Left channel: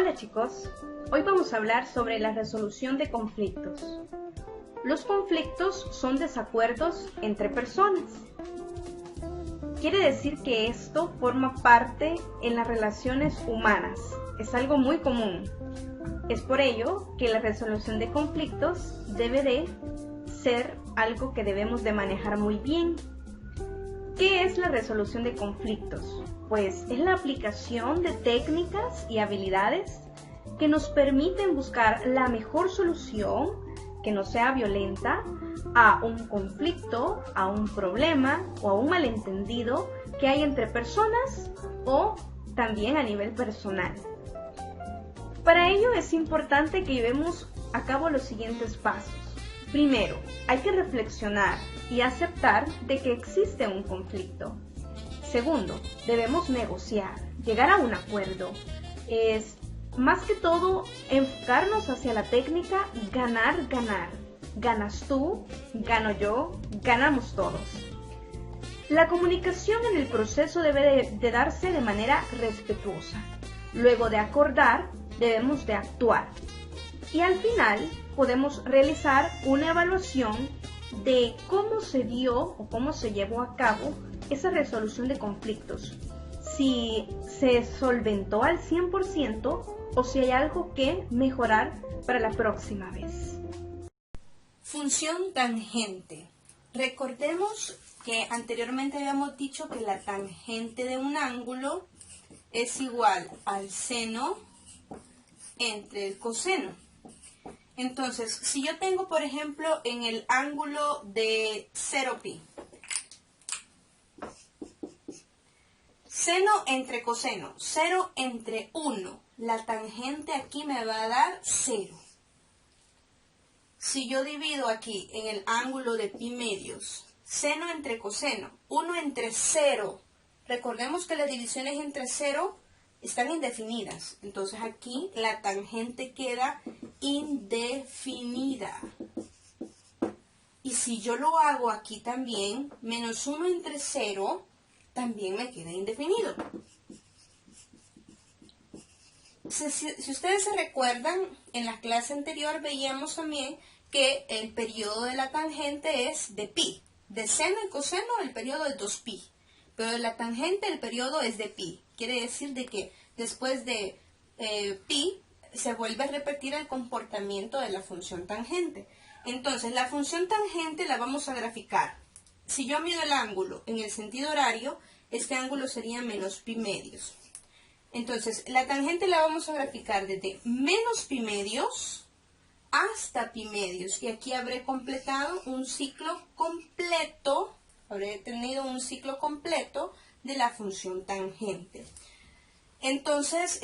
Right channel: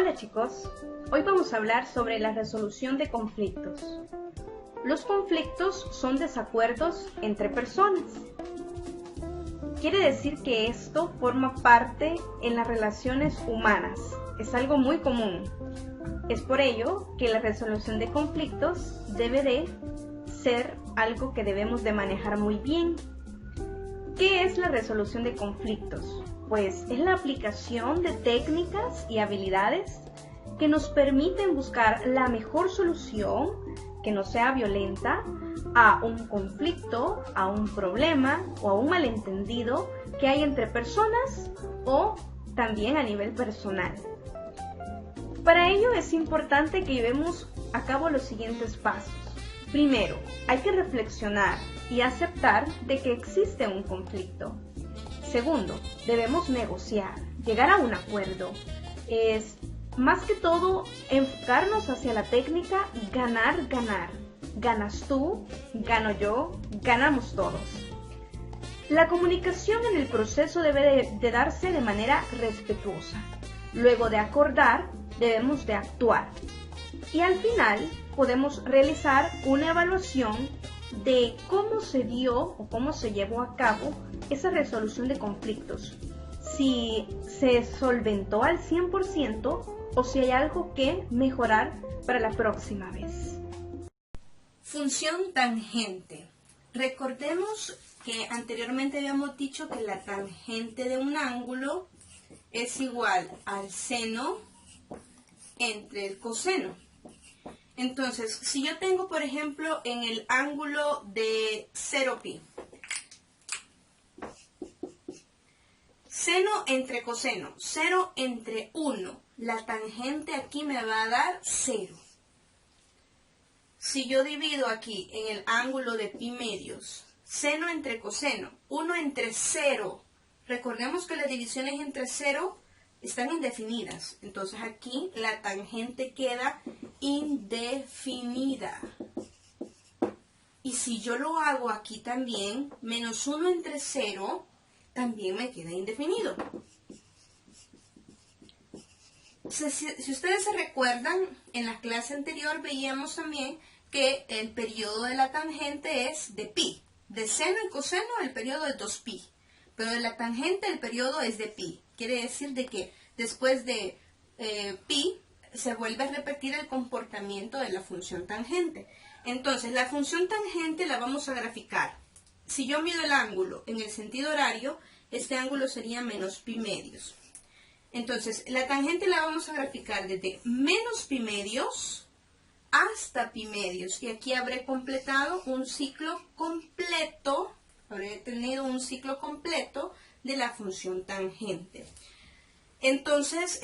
Hola chicos, hoy vamos a hablar sobre la resolución de conflictos. Los conflictos son desacuerdos entre personas. Quiere decir que esto forma parte en las relaciones humanas, es algo muy común. Es por ello que la resolución de conflictos debe de ser algo que debemos de manejar muy bien. ¿Qué es la resolución de conflictos? Pues es la aplicación de técnicas y habilidades que nos permiten buscar la mejor solución que no sea violenta a un conflicto, a un problema o a un malentendido que hay entre personas o también a nivel personal. Para ello es importante que llevemos a cabo los siguientes pasos. Primero, hay que reflexionar y aceptar de que existe un conflicto. Segundo, debemos negociar, llegar a un acuerdo. Es más que todo enfocarnos hacia la técnica ganar, ganar. Ganas tú, gano yo, ganamos todos. La comunicación en el proceso debe de darse de manera respetuosa. Luego de acordar, debemos de actuar. Y al final podemos realizar una evaluación de cómo se dio o cómo se llevó a cabo esa resolución de conflictos. Si se solventó al 100% o si hay algo que mejorar para la próxima vez. Función tangente. Recordemos que anteriormente habíamos dicho que la tangente de un ángulo es igual al seno entre el coseno. Entonces, si yo tengo, por ejemplo, en el ángulo de 0pi, seno entre coseno, 0 entre 1, la tangente aquí me va a dar 0. Si yo divido aquí en el ángulo de pi medios, seno entre coseno, 1 entre 0, recordemos que las divisiones entre 0 están indefinidas, entonces aquí la tangente queda indefinida. Y si yo lo hago aquí también, menos 1 entre 0, también me queda indefinido. Si ustedes se recuerdan, en la clase anterior veíamos también que el periodo de la tangente es de pi. De seno y coseno el periodo es 2pi, pero de la tangente el periodo es de pi. Quiere decir de que después de pi se vuelve a repetir el comportamiento de la función tangente. Entonces, la función tangente la vamos a graficar. Si yo mido el ángulo en el sentido horario, este ángulo sería menos pi medios. Entonces, la tangente la vamos a graficar desde menos pi medios hasta pi medios. Y aquí habré completado un ciclo completo, habré tenido un ciclo completo de la función tangente. Entonces,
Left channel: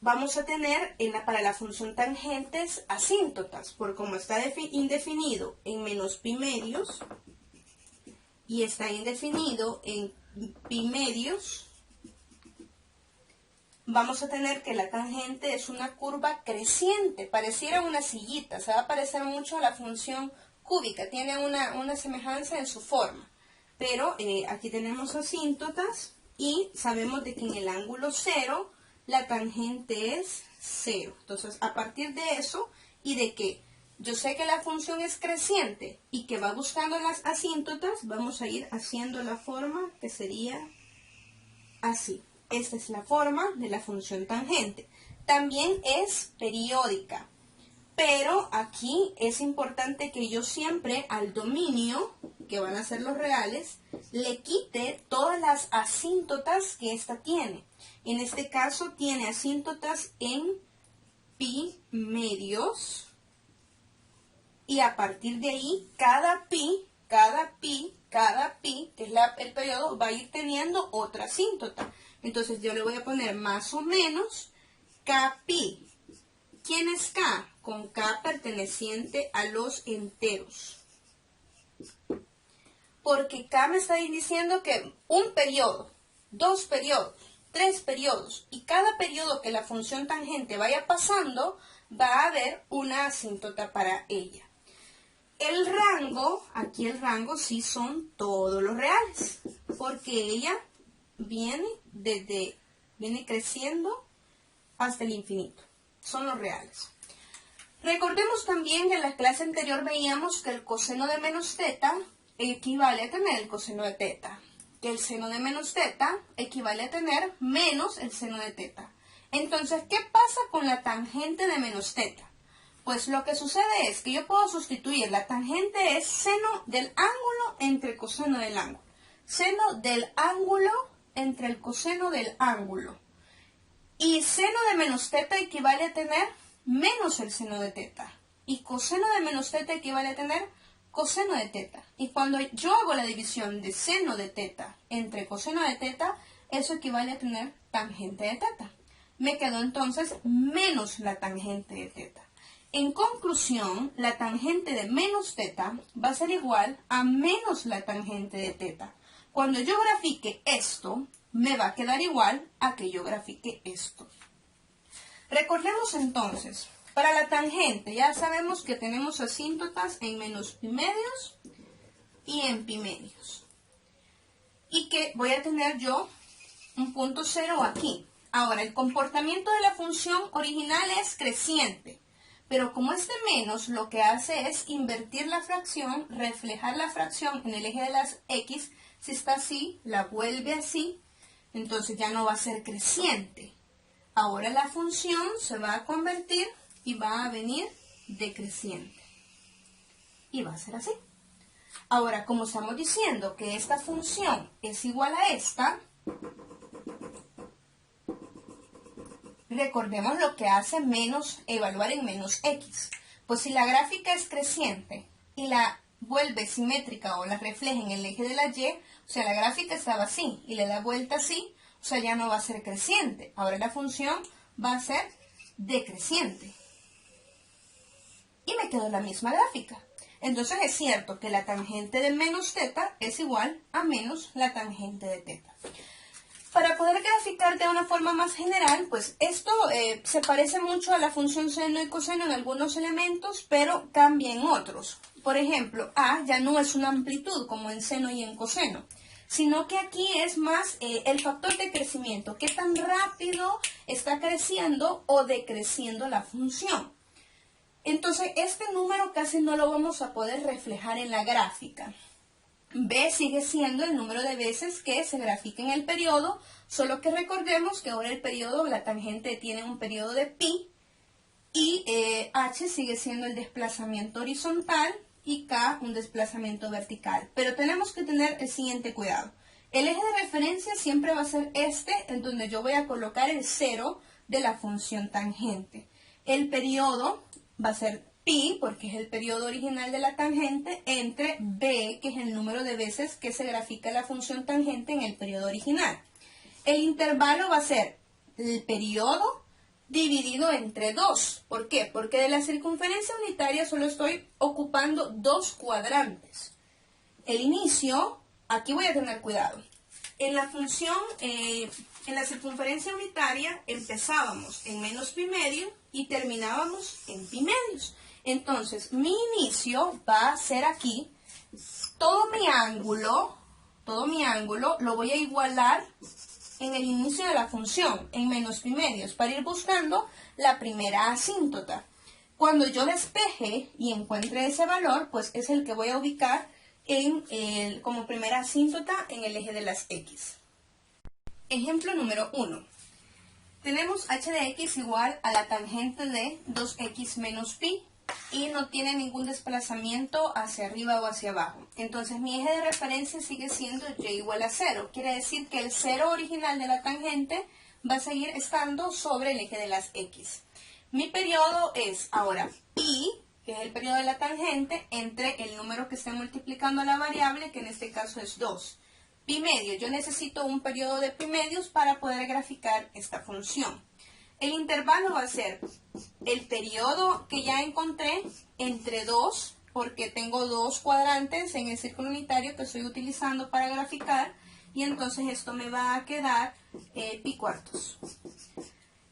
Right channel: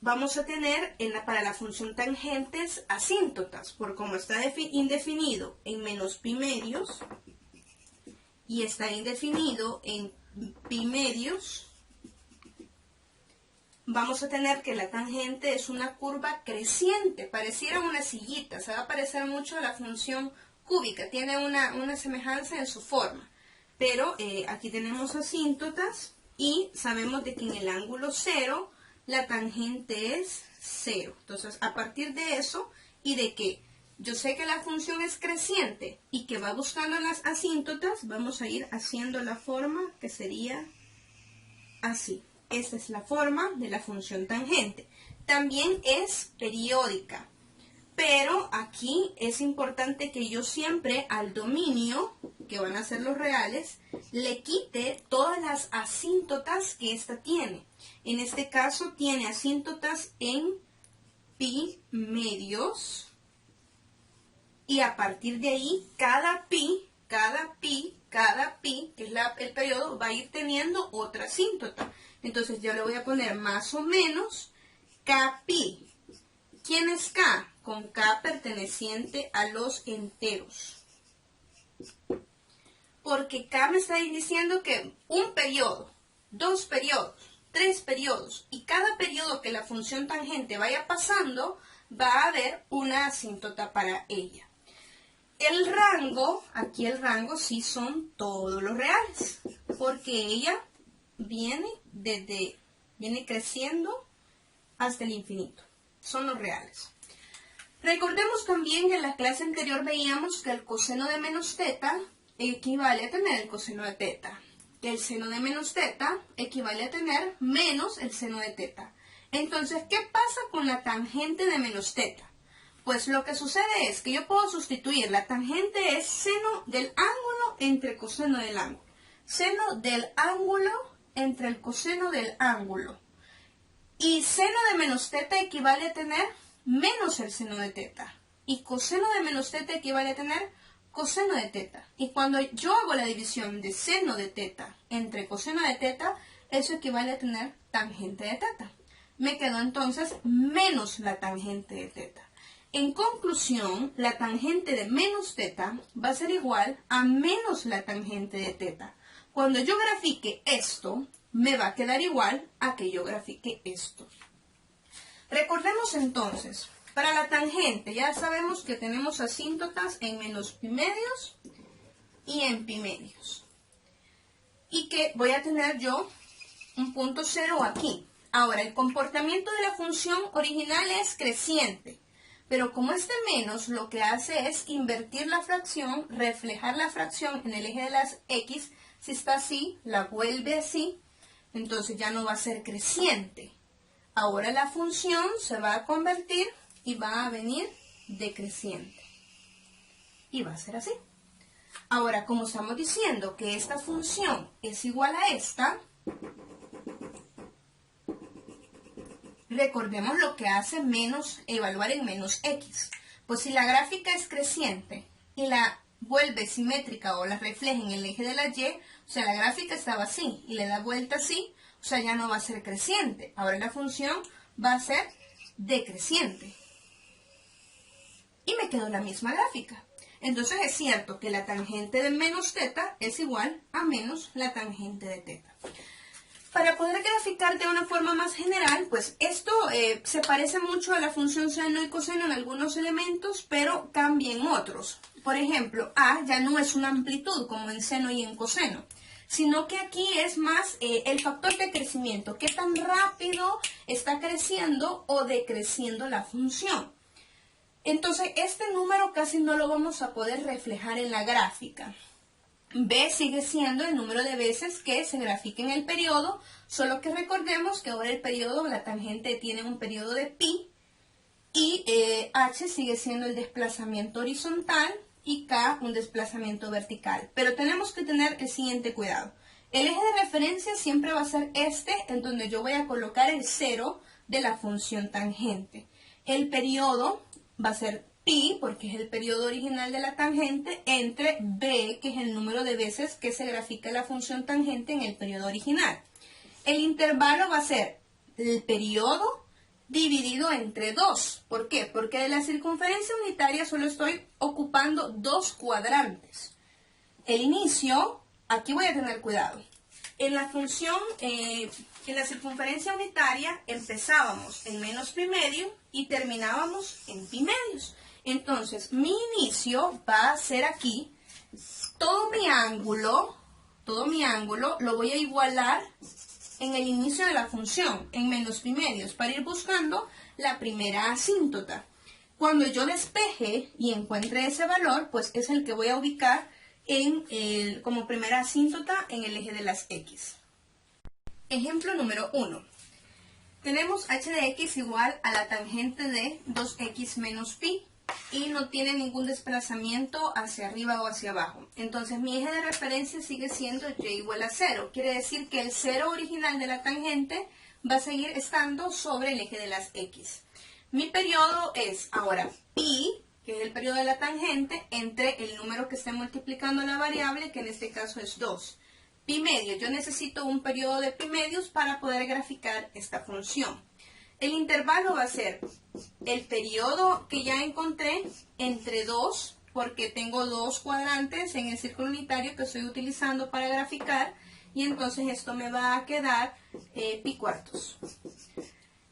vamos a tener para la función tangentes asíntotas, por como está indefinido en menos pi medios y está indefinido en pi medios, vamos a tener que la tangente es una curva creciente, pareciera una sillita, se va a parecer mucho a la función cúbica, tiene una semejanza en su forma, pero aquí tenemos asíntotas y sabemos de que en el ángulo 0 la tangente es 0. Entonces, a partir de eso y de que yo sé que la función es creciente y que va buscando las asíntotas, vamos a ir haciendo la forma que sería así. Esta es la forma de la función tangente. También es periódica, pero aquí es importante que yo siempre al dominio, que van a ser los reales, le quite todas las asíntotas que ésta tiene. En este caso tiene asíntotas en pi medios y a partir de ahí cada pi, que es el periodo, va a ir teniendo otra asíntota. Entonces yo le voy a poner más o menos kpi. ¿Quién es k? Con k perteneciente a los enteros. Porque k me está diciendo que un periodo, 2 periodos, 3 periodos, y cada periodo que la función tangente vaya pasando, va a haber una asíntota para ella. El rango, aquí el rango sí son todos los reales, porque ella viene creciendo hasta el infinito. Son los reales. Recordemos también que en la clase anterior veíamos que el coseno de menos teta equivale a tener el coseno de teta. Que el seno de menos teta equivale a tener menos el seno de teta. Entonces, ¿qué pasa con la tangente de menos teta? Pues lo que sucede es que yo puedo sustituir, la tangente es seno del ángulo entre el coseno del ángulo. Seno del ángulo entre el coseno del ángulo. Y seno de menos teta equivale a tener menos el seno de teta. Y coseno de menos teta equivale a tener coseno de teta. Y cuando yo hago la división de seno de teta entre coseno de teta, eso equivale a tener tangente de teta. Me quedó entonces menos la tangente de teta. En conclusión, la tangente de menos teta va a ser igual a menos la tangente de teta. Cuando yo grafique esto, me va a quedar igual a que yo grafique esto. Recordemos entonces, para la tangente ya sabemos que tenemos asíntotas en menos pi medios y en pi medios. Y que voy a tener yo un punto cero aquí. Ahora, el comportamiento de la función original es creciente. Pero como este menos lo que hace es invertir la fracción, reflejar la fracción en el eje de las X, si está así, la vuelve así, entonces ya no va a ser creciente. Ahora la función se va a convertir y va a venir decreciente. Y va a ser así. Ahora, como estamos diciendo que esta función es igual a esta, recordemos lo que hace menos evaluar en menos x. Pues si la gráfica es creciente y la vuelve simétrica o la refleja en el eje de la y, o sea, la gráfica estaba así y le da vuelta así, o sea, ya no va a ser creciente. Ahora la función va a ser decreciente. Y me quedó la misma gráfica. Entonces es cierto que la tangente de menos teta es igual a menos la tangente de teta. Para poder graficar de una forma más general, pues esto se parece mucho a la función seno y coseno en algunos elementos, pero cambia en otros. Por ejemplo, A ya no es una amplitud como en seno y en coseno, sino que aquí es más el factor de crecimiento, qué tan rápido está creciendo o decreciendo la función. Entonces, este número casi no lo vamos a poder reflejar en la gráfica. B sigue siendo el número de veces que se grafica en el periodo, solo que recordemos que ahora el periodo, la tangente tiene un periodo de pi, y H sigue siendo el desplazamiento horizontal y K un desplazamiento vertical. Pero tenemos que tener el siguiente cuidado. El eje de referencia siempre va a ser este, en donde yo voy a colocar el cero de la función tangente. El periodo va a ser pi, porque es el periodo original de la tangente, entre b, que es el número de veces que se grafica la función tangente en el periodo original. El intervalo va a ser el periodo dividido entre 2. ¿Por qué? Porque de la circunferencia unitaria solo estoy ocupando 2 cuadrantes. El inicio, aquí voy a tener cuidado. En la función, en la circunferencia unitaria empezábamos en menos pi medio y terminábamos en pi medios. Entonces, mi inicio va a ser aquí, todo mi ángulo lo voy a igualar en el inicio de la función, en menos pi medios, para ir buscando la primera asíntota. Cuando yo despeje y encuentre ese valor, pues es el que voy a ubicar como primera asíntota en el eje de las X. Ejemplo número 1. Tenemos h de x igual a la tangente de 2x menos pi y no tiene ningún desplazamiento hacia arriba o hacia abajo. Entonces mi eje de referencia sigue siendo y igual a 0. Quiere decir que el 0 original de la tangente va a seguir estando sobre el eje de las x. Mi periodo es ahora pi, que es el periodo de la tangente, entre el número que esté multiplicando la variable, que en este caso es 2. Pi medio, yo necesito un periodo de pi medios para poder graficar esta función. El intervalo va a ser el periodo que ya encontré entre 2, porque tengo 2 cuadrantes en el círculo unitario que estoy utilizando para graficar, y entonces esto me va a quedar pi cuartos.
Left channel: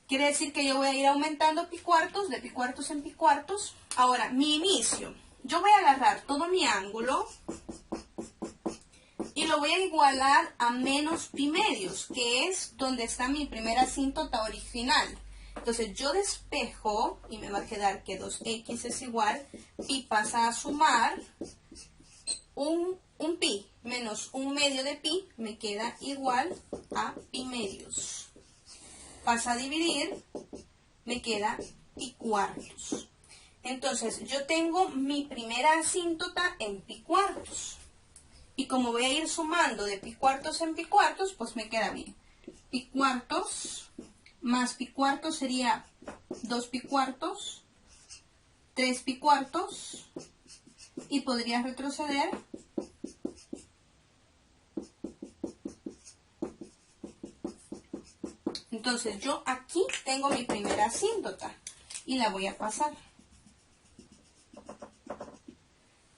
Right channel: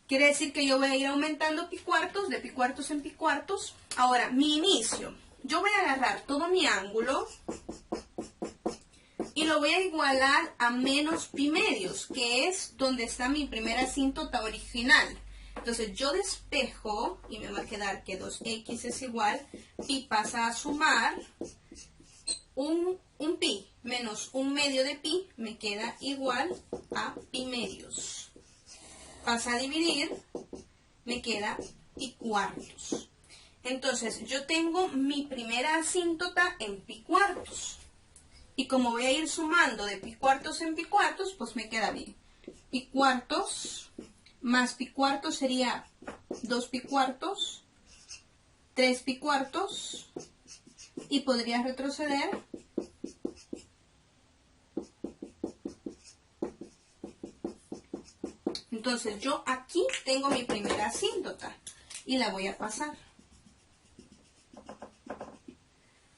Quiere decir que yo voy a ir aumentando pi cuartos, de pi cuartos en pi cuartos. Ahora, mi inicio. Yo voy a agarrar todo mi ángulo y lo voy a igualar a menos pi medios, que es donde está mi primera asíntota original. Entonces yo despejo y me va a quedar que 2x es igual, pi pasa a sumar un pi menos 1/2 de pi me queda igual a pi medios. Pasa a dividir, me queda pi cuartos. Entonces yo tengo mi primera asíntota en pi cuartos. Y como voy a ir sumando de pi cuartos en pi cuartos, pues me queda bien. Pi cuartos más pi cuartos sería 2 pi cuartos, 3 pi cuartos, y podría retroceder Entonces yo aquí tengo mi primera asíntota y la voy a pasar.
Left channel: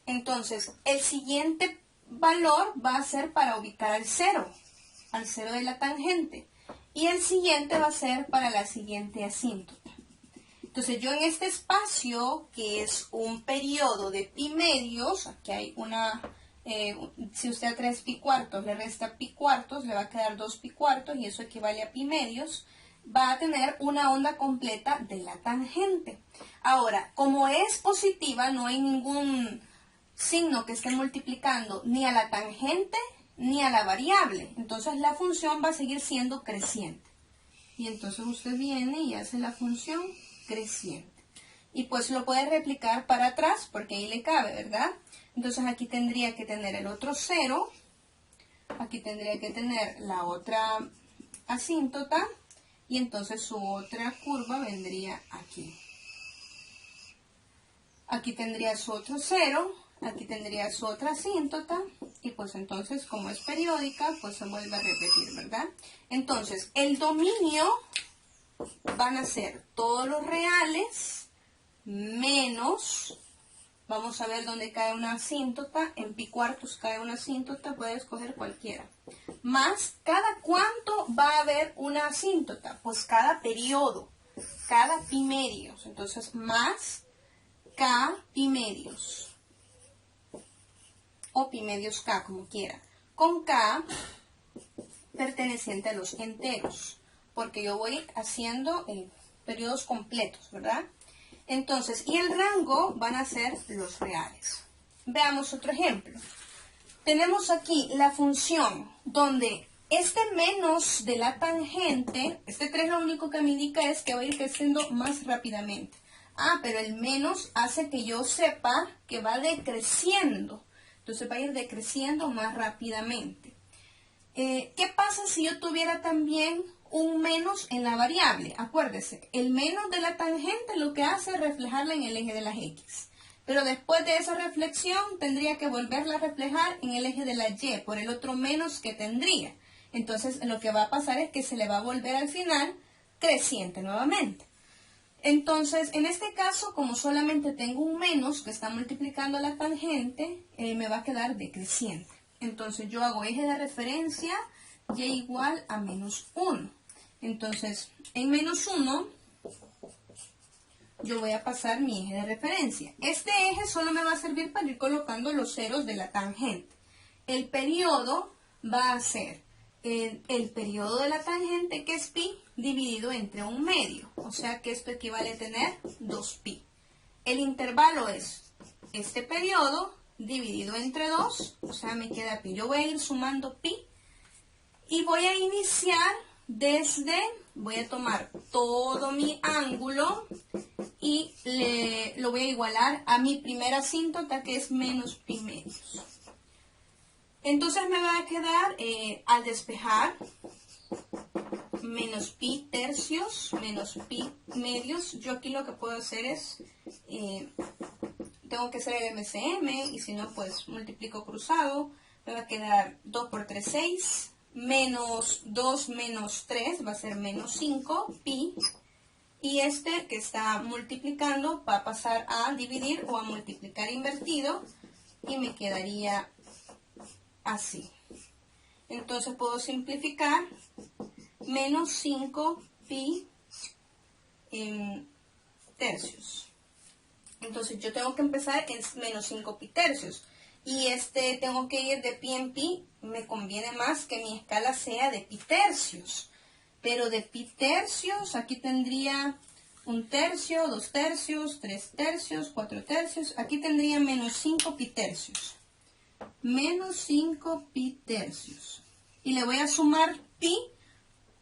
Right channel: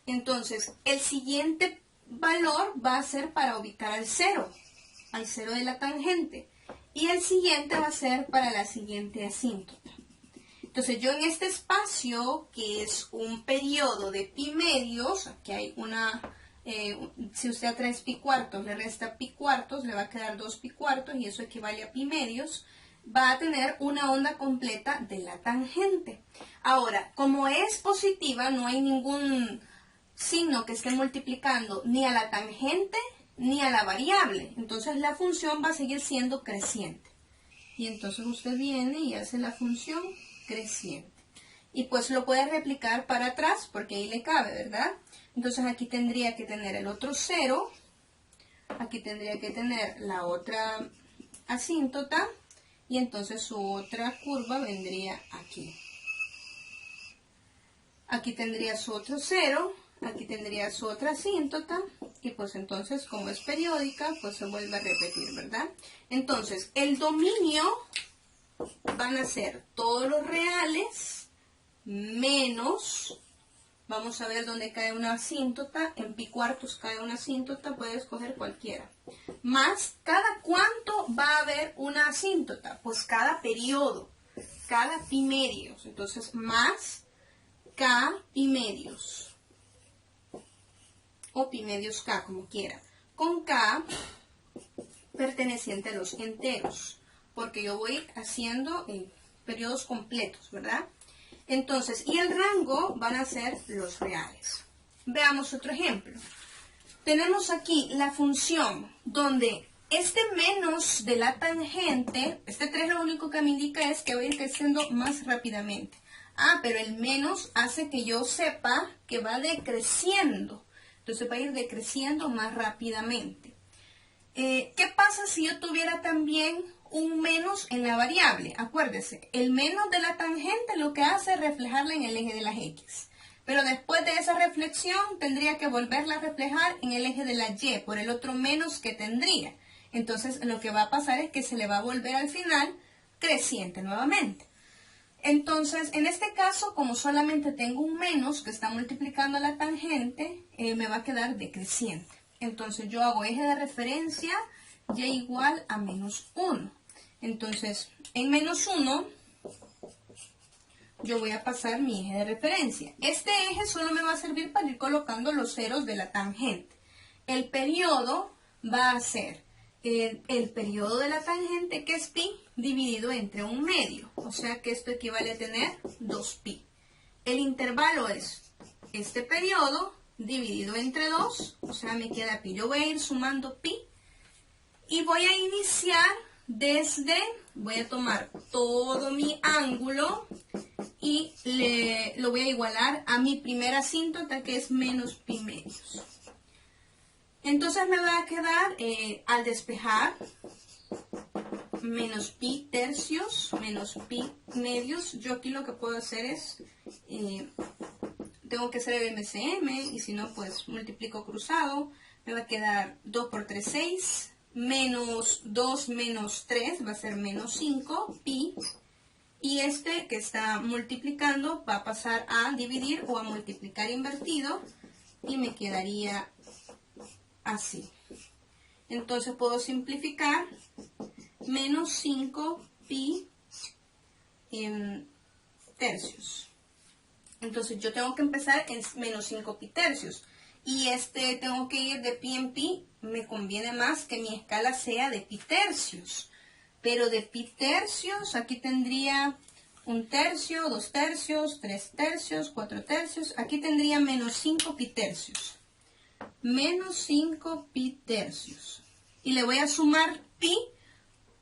Entonces el siguiente valor va a ser para ubicar al cero de la tangente, y el siguiente va a ser para la siguiente asíntota. Entonces yo en este espacio, que es un periodo de pi medios, aquí hay una, si usted a 3 pi cuartos le resta pi cuartos, le va a quedar 2 pi cuartos, y eso equivale a pi medios, va a tener una onda completa de la tangente. Ahora, como es positiva, no hay ningún signo que esté multiplicando ni a la tangente ni a la variable, entonces la función va a seguir siendo creciente. Y entonces usted viene y hace la función creciente. Y pues lo puede replicar para atrás porque ahí le cabe, ¿verdad? Entonces aquí tendría que tener el otro cero, aquí tendría que tener la otra asíntota, y entonces su otra curva vendría aquí. Aquí tendría su otro cero, aquí tendría su otra asíntota, y pues entonces como es periódica, pues se vuelve a repetir, ¿verdad? Entonces el dominio van a ser todos los reales menos, vamos a ver dónde cae una asíntota, en pi cuartos cae una asíntota, puede escoger cualquiera, más cada cuánto va a haber una asíntota, pues cada periodo, cada pi medios, entonces más k pi medios, o pi medios k, como quiera, con k perteneciente a los enteros, porque yo voy haciendo periodos completos, ¿verdad? Entonces, y el rango van a ser los reales. Veamos otro ejemplo. Tenemos aquí la función donde este menos de la tangente, este 3 lo único que me indica es que va a ir creciendo más rápidamente. Ah, pero el menos hace que yo sepa que va decreciendo. Entonces va a ir decreciendo más rápidamente. ¿Qué pasa si yo tuviera también un menos en la variable? Acuérdese, el menos de la tangente lo que hace es reflejarla en el eje de las x. Pero después de esa reflexión tendría que volverla a reflejar en el eje de la y por el otro menos que tendría. Entonces lo que va a pasar es que se le va a volver al final creciente nuevamente. Entonces, en este caso, como solamente tengo un menos que está multiplicando a la tangente, me va a quedar decreciente. Entonces yo hago eje de referencia y igual a menos 1. Entonces en menos 1 yo voy a pasar mi eje de referencia. Este eje solo me va a servir para ir colocando los ceros de la tangente. El periodo va a ser el periodo de la tangente, que es pi, dividido entre 1/2. O sea que esto equivale a tener 2pi. El intervalo es este periodo dividido entre 2, o sea, me queda pi. Yo voy a ir sumando pi y voy a iniciar desde, voy a tomar todo mi ángulo y lo voy a igualar a mi primera asíntota, que es menos pi medios. Entonces me va a quedar, al despejar, menos pi tercios, menos pi medios. Yo aquí lo que puedo hacer es... tengo que hacer el MCM, y si no, pues multiplico cruzado. Me va a quedar 2 por 3, 6. Menos 2 menos 3 va a ser menos 5 pi. Y este que está multiplicando va a pasar a dividir o a multiplicar invertido. Y me quedaría así. Entonces puedo simplificar menos 5 pi tercios. Entonces yo tengo que empezar en menos 5 pi tercios. Y tengo que ir de pi en pi. Me conviene más que mi escala sea de pi tercios. Pero de pi tercios, aquí tendría 1 tercio, 2 tercios, 3 tercios, 4 tercios. Aquí tendría menos 5 pi tercios. Menos 5 pi tercios. Y le voy a sumar pi.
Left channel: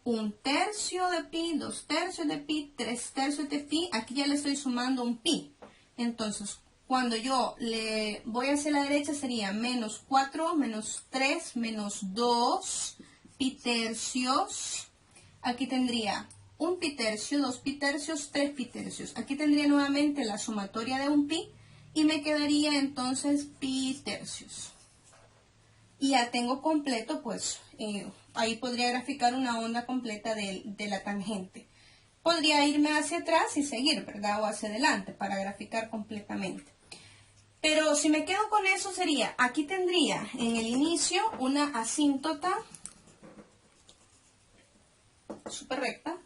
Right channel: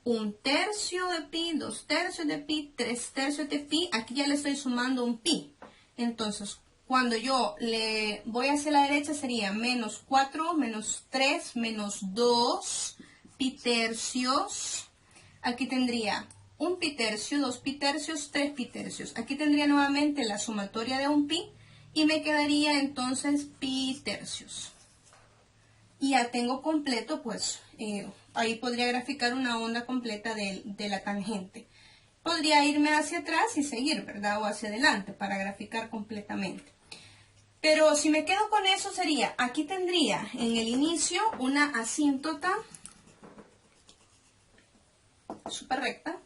1 tercio de pi, 2 tercios de pi, 3 tercios de pi. Aquí ya le estoy sumando un pi. Entonces, cuando yo le voy hacia la derecha sería menos 4, menos 3, menos 2 pi tercios. Aquí tendría 1 pi tercio, 2 pi tercios, 3 pi tercios. Aquí tendría nuevamente la sumatoria de un pi y me quedaría entonces pi tercios. Y ya tengo completo, pues ahí podría graficar una onda completa de la tangente. Podría irme hacia atrás y seguir, ¿verdad? O hacia adelante para graficar completamente. Pero si me quedo con eso sería, aquí tendría en el inicio una asíntota súper recta.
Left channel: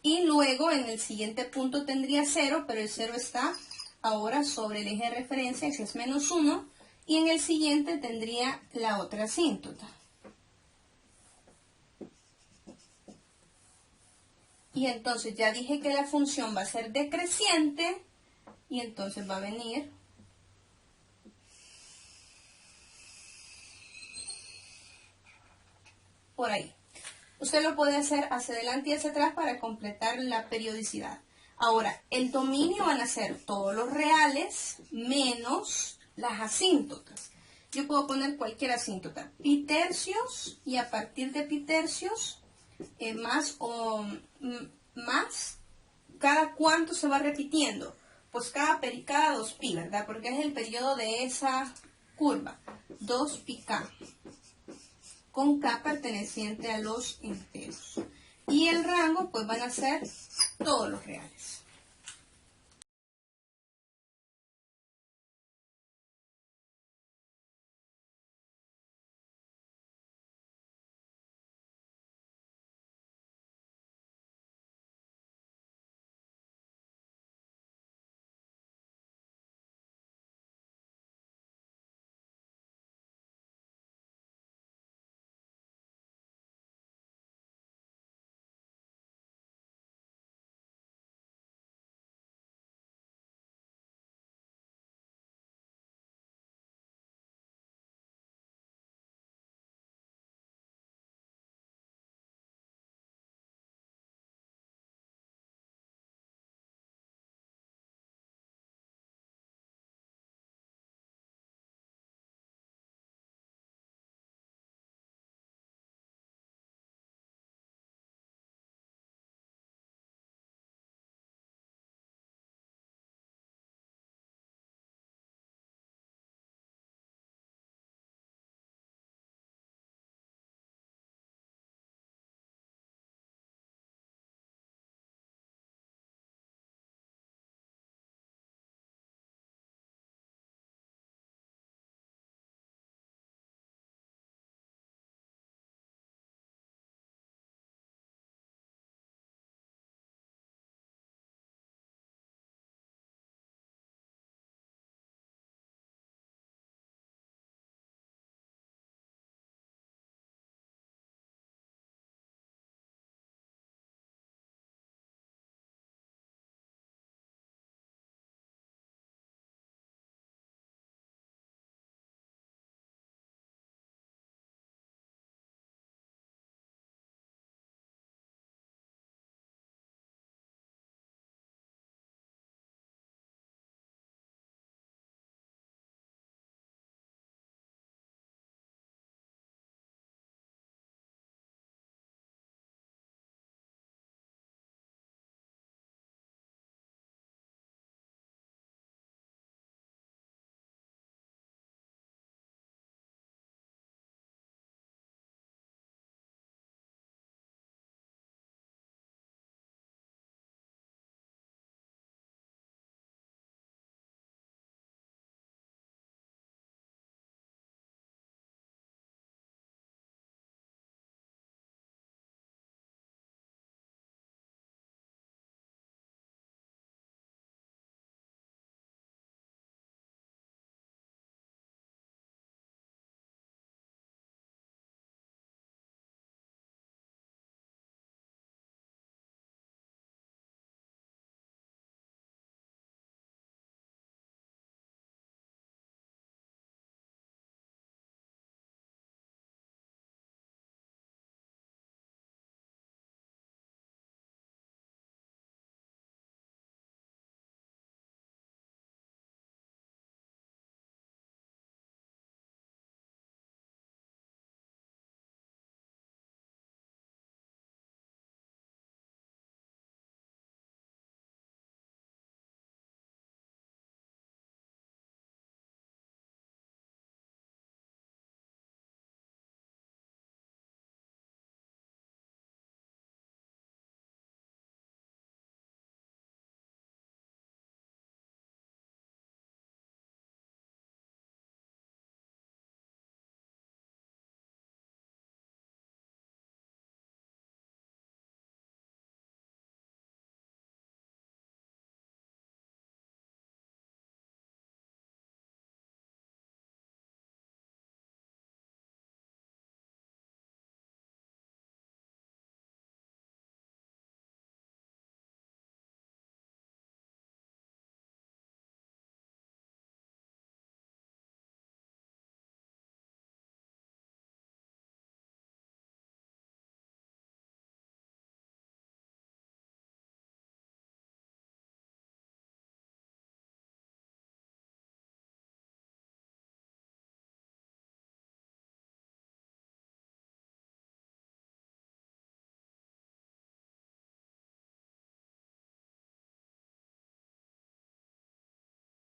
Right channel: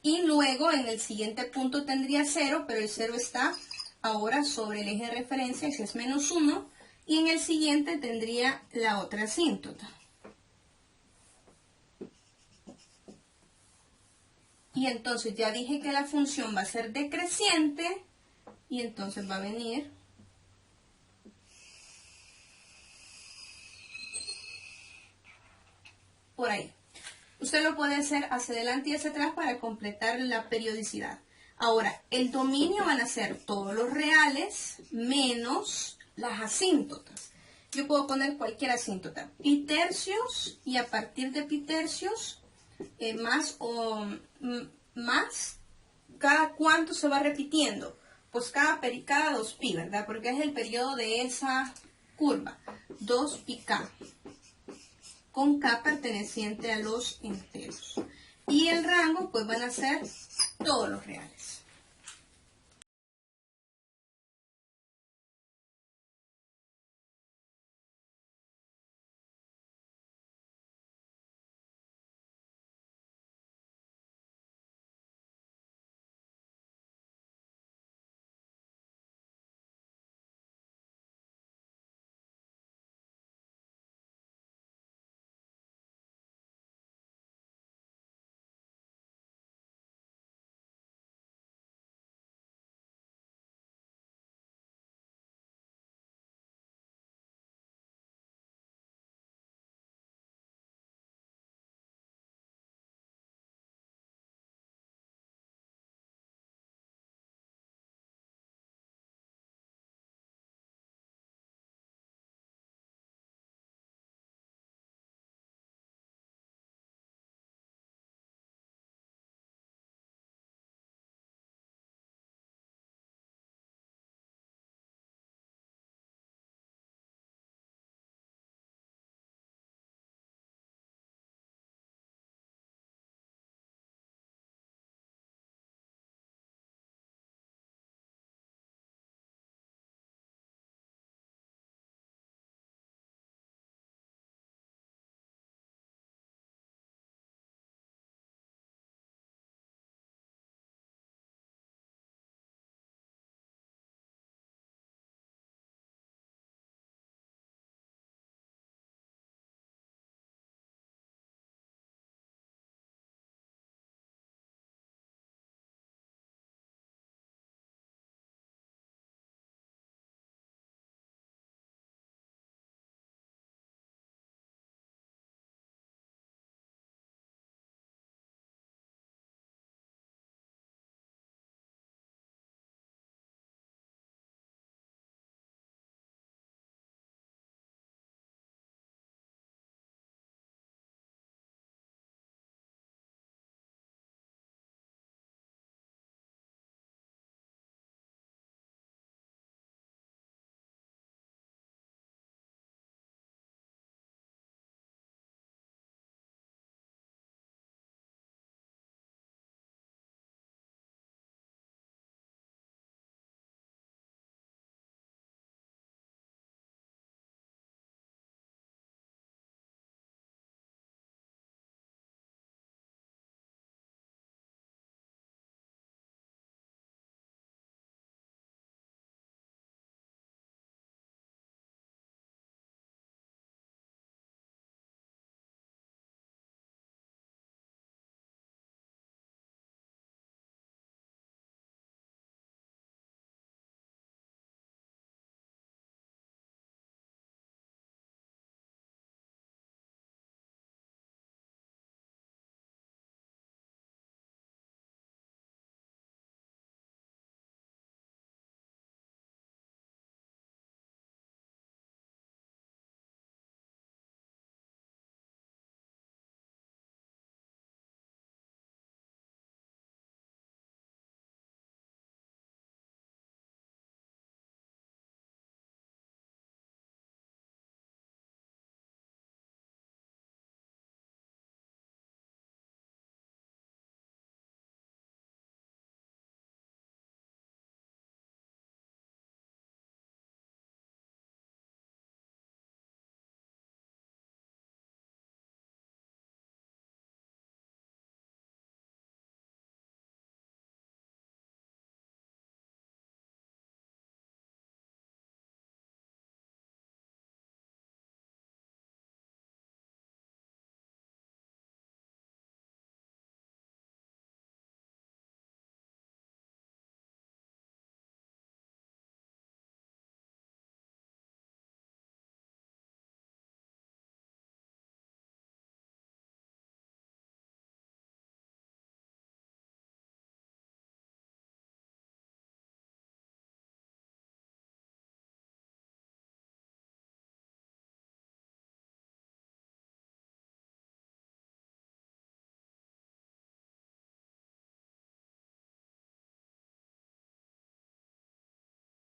Y luego en el siguiente punto tendría 0, pero el 0 está ahora sobre el eje de referencia, que es menos 1. Y en el siguiente tendría la otra asíntota. Y entonces ya dije que la función va a ser decreciente. Y entonces va a venir por ahí. Usted lo puede hacer hacia adelante y hacia atrás para completar la periodicidad. Ahora, el dominio van a ser todos los reales menos las asíntotas. Yo puedo poner cualquier asíntota. Pi tercios y a partir de pi tercios más, ¿cada cuánto se va repitiendo? Pues cada 2pi, ¿verdad? Porque es el periodo de esa curva. 2πk. Con k perteneciente a los enteros. Y el rango, pues van a ser todos los reales.